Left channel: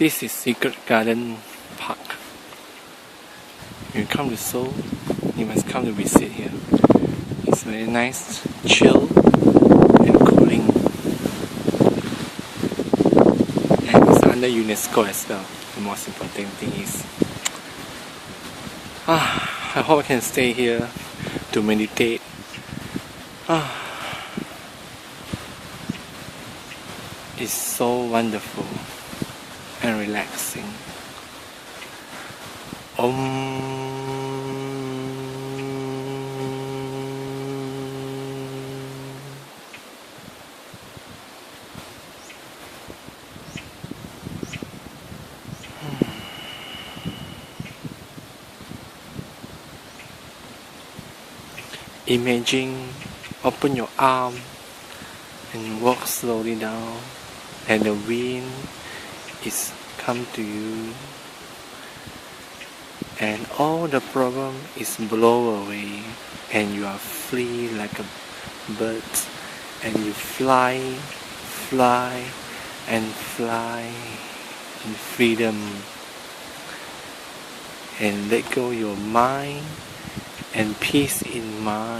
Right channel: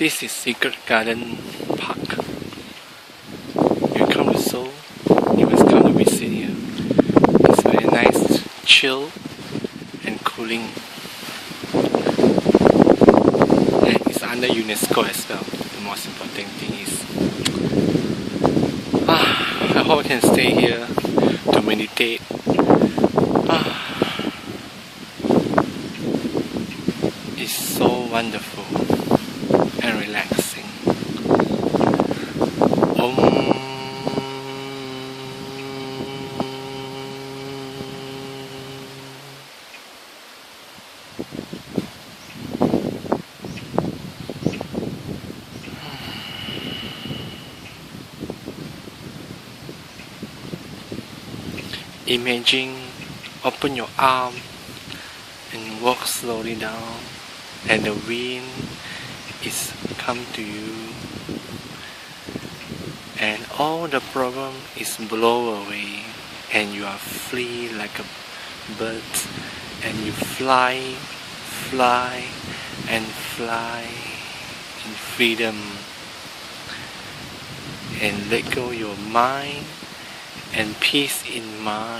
This is Secret Garden Park. You come to Seoul, you must come to visit here. It's very nice, chill, and cooling. And it's under UNESCO as well. The most important thing is, I hope I can stay here to meditate. It's so wonderful and relaxing. Imagine, open your arm and walk slowly down, and the wind is come to you, and all the problem is blow away, and you are free like a bird, and you fly, and fly in freedom, and let go your mind and peace in mind.